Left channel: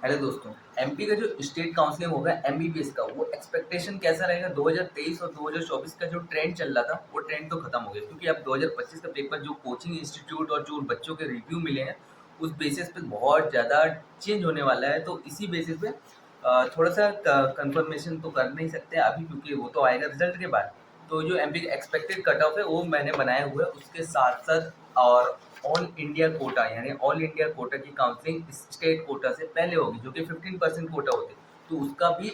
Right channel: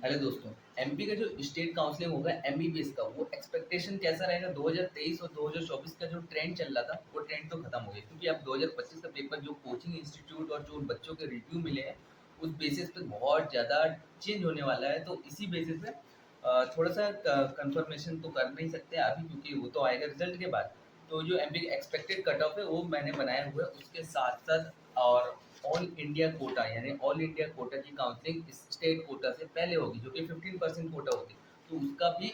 Hello दोस्तों। MP का जो स्टेट काउंसलिंग होगा एमबीबीएस का, वो एक्सपेक्टेशन कैसा रहेगा? 2023 और 2024 का जो ट्रेंड चल रहा था वो ट्रेंड तो खत्म हो गया, क्योंकि अब 2025 का पेपर जो कोचिंग इंस्टीट्यूट और जो बच्चों के रिव्यू मिले हैं उस बेसिस पे बहुत ज़्यादा चेंज होने वाला है। तो इसी बेसिस पे थोड़ा सा कंफर्मेशन तो कर नहीं सकते अभी, क्योंकि वो तो आएगा रिजल्ट के बाद। तो जो एमपी का एक्सपेक्टेड कट ऑफ है वो मैंने बनाया हुआ है, उसके साथ साथ और ऑल इंडिया कोटा, यानी ऑल इंडिया कोटा की काउंसलिंग स्टेट कोटा से पहले होगी, जो कि 15% कोटा होती है। तो उसका भी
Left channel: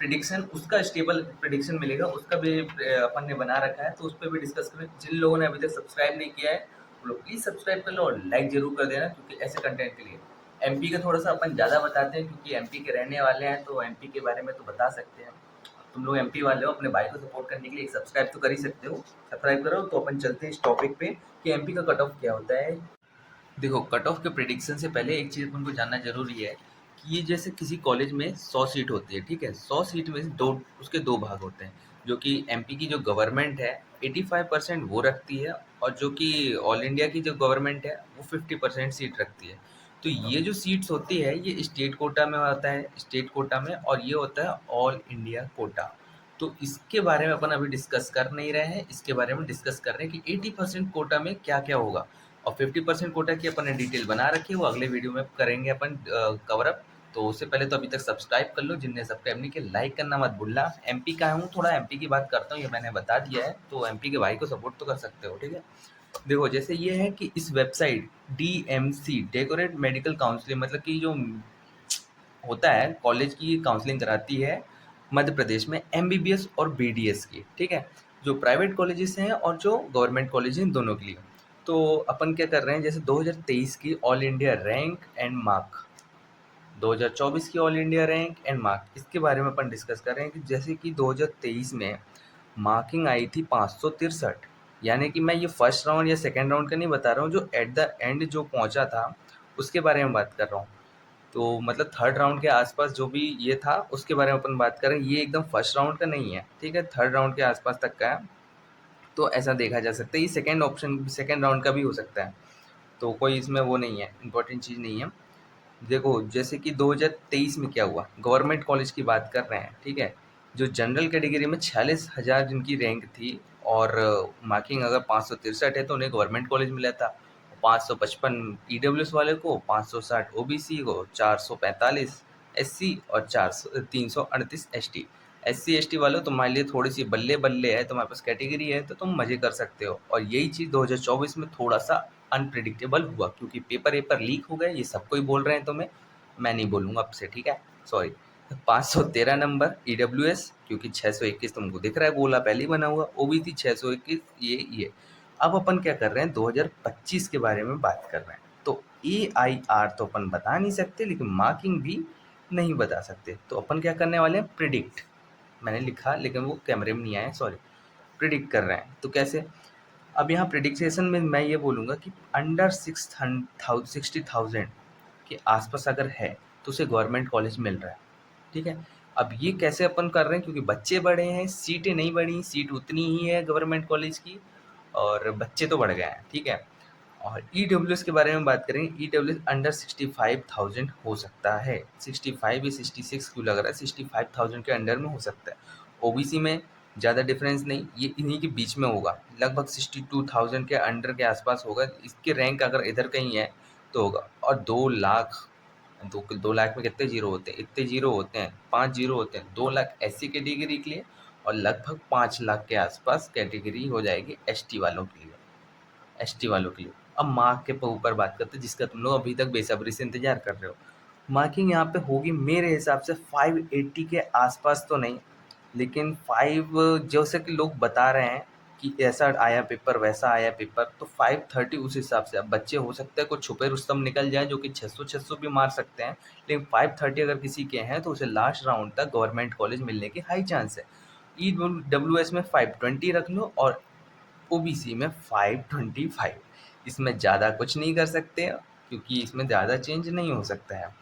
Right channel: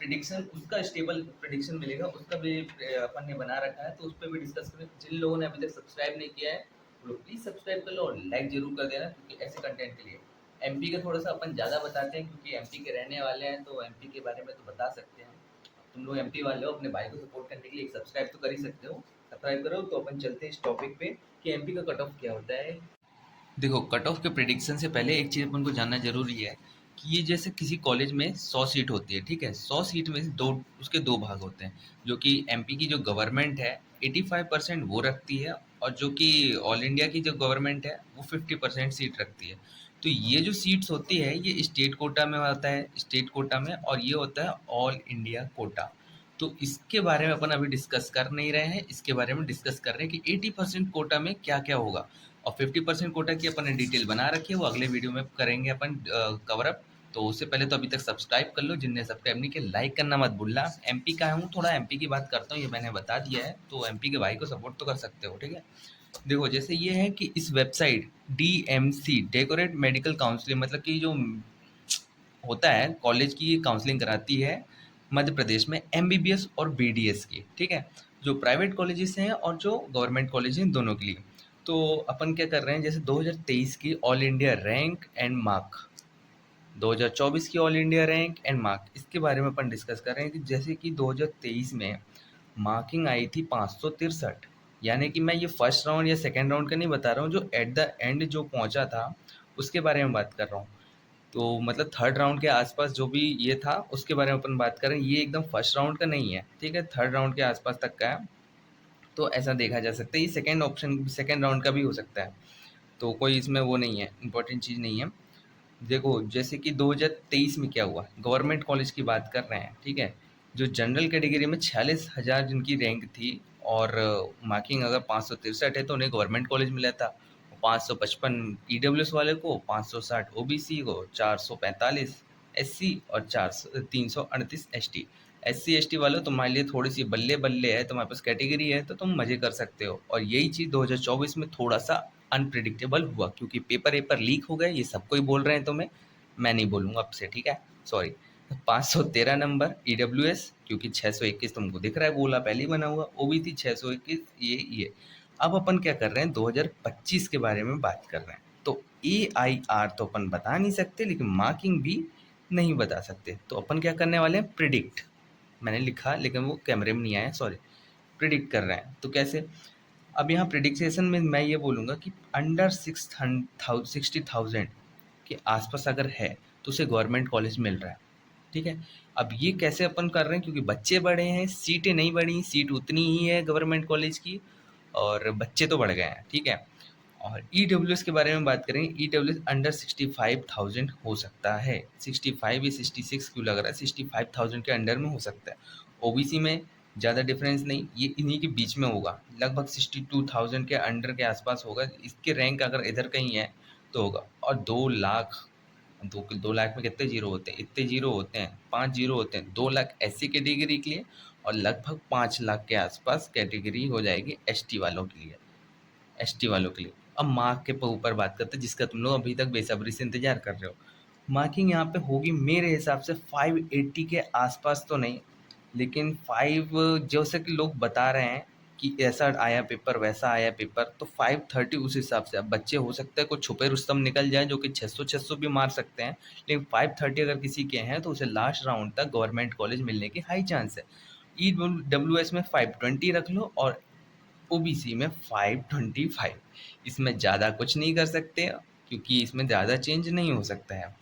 प्रिडिक्शन, उसका स्टेबल प्रिडिक्शन मिलेगा, उसका भी अपन ने बना रखा है, तो उस पर भी डिस्कस करें। जिन लोगों ने अभी तक सब्सक्राइब नहीं किया है वो लोग प्लीज़ सब्सक्राइब कर लो और लाइक जरूर कर देना, क्योंकि ऐसे कंटेंट के लिए एमपी का थोड़ा सा अपन ज़्यादा बताते हैं, क्योंकि एमपी के रहने वाले हैं तो एमपी के बारे में तो बता सकते हैं। तुम लोग एमपी वाले हो, अपने भाई को सपोर्ट करने के लिए सब्सक्राइब तो कर ही सकते हो। सब्सक्राइब करो। तो अपन चलते हैं इस टॉपिक पे कि एमपी का कट ऑफ क्या होता है। देखो, कट ऑफ के प्रिडिक्शन से पहले एक चीज़ अपन को जानना जरूरी है कि ये जैसे किसी कॉलेज में 100 सीट होती है, ठीक है? 100 सीट में से दो, उसके दो भाग होते हैं। जो कि एमपी की जो गवर्नमेंट है 85% वो रखती है, और जो कि ऑल इंडिया की जो गवर्नमेंट है वो 50% सीट रखती है। तो ये जो सीट्स होती है ये स्टेट कोटा में होता है, स्टेट कोटा में, और ये होता है ऑल इंडिया कोटा। तो इसके बारे में अपन अभी डिस्कस कर नहीं रहे हैं, इसके बारे में डिस्कस कर रहे हैं कि 80% कोटा में क्या क्या होगा। और 50% कोटा की अपन ने डिटेल बना रखी है, वो अगले वीडियो में करेंगे अपन कवर अप। तो उससे पहले तो अभी तक सब्सक्राइब कर लो, जिनने सब्सक्राइब नहीं किया लाइक करना मत भूलना। एमपी का हूँ, थोड़ा एमपी की बात करता हूँ, ये मैंने बता दिया है, तो एमपी के भाई को सपोर्ट तो कर सकते हो, ठीक है? देखो, जैसे ये है कि इस website DMC, decorate medical counselling, मतलब कि जो होता है कॉलेज की काउंसलिंग कराती है मध्य प्रदेश में एमबीबीएस और बीडीएस की, ठीक है? जो प्राइवेट कॉलेजेस हैं और जो गवर्नमेंट कॉलेज हैं, दोनों के लिए। तो अपन क्या कर रहे हैं, जैसे 2023 की all India rank and mark, 2024 की all India rank and mark, इसके बारे में अपन डिस्कस कर रहे हैं कि जैसे कि 2023 में मार्किंग आई थी 563। यानी कि मैं ये फर्स्ट राउंड या सेकेंड राउंड का नहीं बता रहा हूँ, जो एट द एंड जो पहुंचा था उसके बारे में बात कर रहा हूँ। तो मतलब थर्ड राउंड के आसपास जो भी ये था उसके बारे में अपन बात करें, ये एकदम फर्स्ट राउंड का नहीं है, ठीक है? थर्ड राउंड के आसपास तक का है। तो ऐसा देखा जा सकता है, ये सेकेंड ऑप्शन, सेकेंड राउंड का भी हो सकता है। तो कोई इसमें वो नहीं है, इंपॉर्टेंट चीज़ नहीं है। देखो, जैसे कि 2023 में क्या हुआ, गवर्नमेंट कॉलेज की बात कर रहे हैं, ठीक है? जो जनरल कैटेगरी में 46,000 जिनकी रैंक थी, और मार्किंग अगर 563 है तो उन्हें गवर्नमेंट कॉलेज मिला था। 555 ईडब्ल्यूएस वाले को, 560 ओबीसी को, 445 एससी और 338 एसटी। एससी एसटी वालों, तुम्हारे लिए थोड़ी सी बल्ले बल्ले है, तुम्हारे पास कैटेगरी है तो तुम मजे कर सकते हो। और यही चीज़ 2024 में थोड़ा सा अनप्रिडिक्टेबल हुआ, क्योंकि पेपर वेपर लीक हो गए, ये सबको ही बोल रहे हैं तुम्हें, मैं नहीं बोलूंगा अब से, ठीक है? सॉरी। 513 नंबर ईडब्ल्यूएस, क्योंकि 621 तुमको दिख रहा है गोला पहले ही बना हुआ, ओबीसी 621, ये। अब अपन क्या कर रहे हैं, 2025 के बारे में बात कर रहे हैं। तो ए आई आर तो अपन बता नहीं सकते, लेकिन मार्किंग भी नहीं बता सकते। तो अपन क्या करने वाले हैं, प्रिडिक्ट। मैंने लिखा लेकिन वो कैमरे में नहीं आया, सॉरी। प्रिडिक्ट कर रहे हैं, तो कैसे? अब यहाँ प्रिडिक्शन में मैं ये बोलूँगा कि अंडर 60,000 के आसपास अगर है तो उसे गवर्नमेंट कॉलेज मिल रहा है, ठीक है? अब ये कैसे अपन कर रहे हैं, क्योंकि बच्चे बढ़े हैं, सीटें नहीं बढ़ी, सीट उतनी ही है गवर्नमेंट कॉलेज की, और बच्चे तो बढ़ गए हैं, ठीक है? और ईडब्ल्यूएस के बारे में बात करें, ईडब्ल्यूएस अंडर 65,000 हो सकता है। 65 या 66 क्यों लग रहा है, 65,000 के अंडर में हो सकता है। ओबीसी में ज़्यादा डिफरेंस नहीं, ये इन्हीं के बीच में होगा, लगभग 62,000 के अंडर के आसपास होगा। इसके रैंक अगर इधर कहीं है तो होगा। और 2 लाख, 2 लाख में कितने जीरो होते हैं, इतने जीरो होते हैं, 5 जीरो होते हैं। 2 लाख एससी कैटेगरी के लिए, और लगभग 5 लाख के आसपास कैटेगरी हो जाएगी एसटी वालों के लिए, एसटी वालों के लिए। अब मार्क के ऊपर बात करते हैं, जिसका तुम लोग अभी तक बेसब्री से इंतजार कर रहे हो। मार्किंग यहाँ पे होगी मेरे हिसाब से 580 के आसपास तो नहीं, लेकिन 5, जैसे कि लोग बता रहे हैं कि ऐसा आया पेपर वैसा आया पेपर, तो 530 उस हिसाब से। अब बच्चे हो सकता है कुछ छुपे रुस्तम निकल जाए जो कि 600 भी मार सकते हैं, लेकिन 530 अगर किसी के हैं तो उसे लास्ट राउंड तक गवर्नमेंट कॉलेज मिलने की हाई चांस है। ई डब्ल्यू एस में 520 रख लो, और ओबीसी में 525। इसमें ज़्यादा कुछ नहीं कर सकते, क्योंकि इसमें ज़्यादा चेंज नहीं हो सकता है।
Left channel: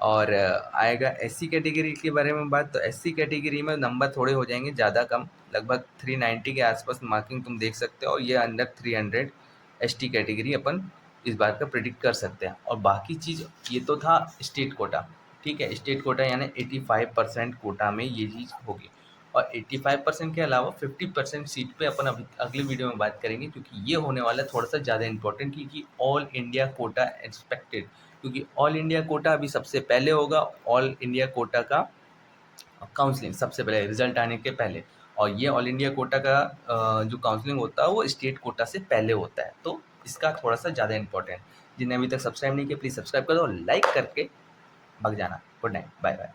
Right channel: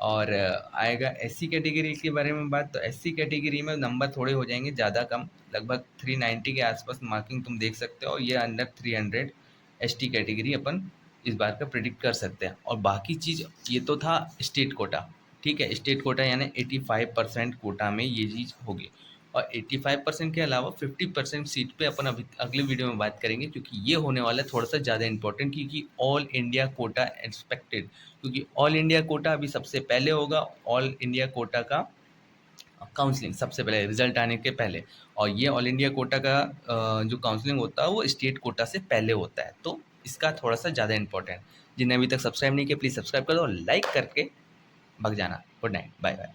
और आएगा एससी कैटेगरी के बारे में बात, तो एससी कैटेगरी में नंबर थोड़े हो जाएंगे ज़्यादा कम, लगभग 390 के आसपास मार्किंग तुम देख सकते हो, और ये अंडर 300 एसटी कैटेगरी अपन इस बार का प्रिडिक्ट कर सकते हैं। और बाकी चीज़, ये तो था स्टेट कोटा। ठीक है, स्टेट कोटा यानी 85% कोटा में ये चीज़ होगी। और 85% के अलावा 50% सीट पे अपन अभी अगली वीडियो में बात करेंगे, क्योंकि ये होने वाला है थोड़ा सा ज़्यादा इंपॉर्टेंट, क्योंकि ऑल इंडिया कोटा एक्सपेक्टेड, क्योंकि ऑल इंडिया कोटा अभी सबसे पहले होगा। ऑल इंडिया कोटा का काउंसलिंग सबसे पहले रिजल्ट आने के पहले, और ये ऑल इंडिया कोटा का जो काउंसलिंग होता है वो स्टेट कोटा से पहले होता है, तो इसका थोड़ा सा ज़्यादा इंपॉर्टेंट। जिन्हें अभी तक सब्सक्राइब नहीं किया प्लीज़ सब्सक्राइब कर दो, लाइक करके भग जाना। Good night, bye bye.